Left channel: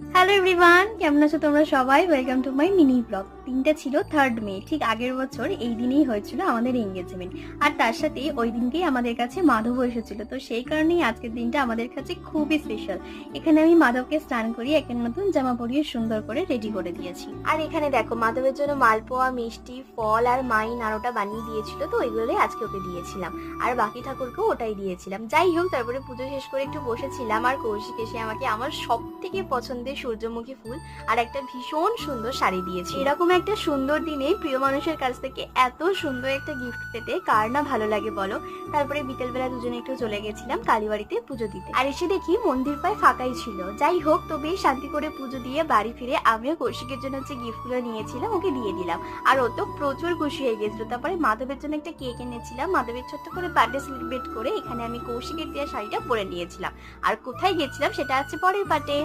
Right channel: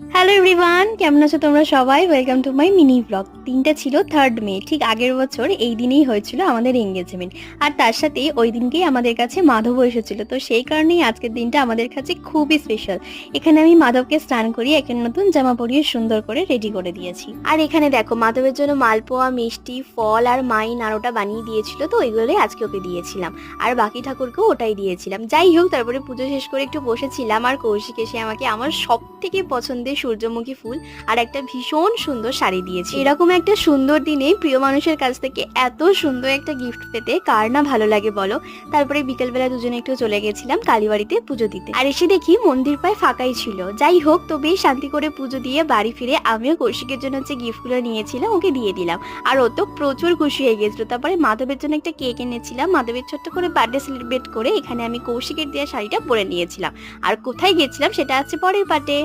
Hello everyone, কেমন আছো তোমরা সবাই? Welcome to my mini blog. দিনটা ছিল 3rd মে, ঠিক আগের বছর এই দিনেই হয়েছিল আমাদের এঙ্গেজমেন্ট। আর তার সাথে ওই দিনকেই আমাদের কাছে মাধবও এসেছিল, তো সেই কারণেই আজকের দিনটা আমাদের কাছে খুবই স্পেশাল। এখানে আমি মাধবকে স্নান করিয়ে একটা নতুন জামা পরিয়ে সুন্দর করে রেডি করে দিয়েছি। আর এখানে দেখো মাধবের জন্য মালপোয়া, মিষ্টি, ফল আর মাই নাড়ুটা বানিয়ে দিয়েছিল, তো ওইগুলোই আজকে ওকে দিয়েছিলাম। আর বাকি ঠাকুরকেও ওটাই দিয়েছিলাম। যাই হোক, তারপরে পুজো শেষ করে একটু বসেছিলাম, আর কৌশিক এসে আমাকে আমার সব থেকে পছন্দের সূর্যমুখী ফুল আর একটা ভীষণ সুন্দর শাড়ি দিয়েছে। এরকম একটা সুন্দর দিনে প্রিয় মানুষের কাছ থেকে এত সুন্দর একটা গিফট পেতে কার না ভালো লাগে বলো। তারপরে বিকেলবেলা দুজনে একটু চলে গেছিলাম কালীবাড়িতে পুজো দিতে, আর এসে দেখি মন্দির প্রায় ফাঁকাই ছিল। যাই হোক, তো বেশ শান্তি করে পুজো দিয়ে বাড়ি ফিরে আমিও কৌশিকের জন্য যে গিফটগুলো নিয়েছিলাম ওকে দিয়ে দিলাম, আর ও তো প্রচুর খুশি হয়ে গেছিল। তারপরে মাধবের জন্য একটা কেক এনেছিলাম, মাধবের ছোট্ট করে বার্থডে সেলিব্রেট করে এখানে আমি কৌশিকের দেওয়া শাড়িটা পরে নিয়েছিলাম। আর কোথায় গেছিলাম সেটা আছে পরের পার্টে।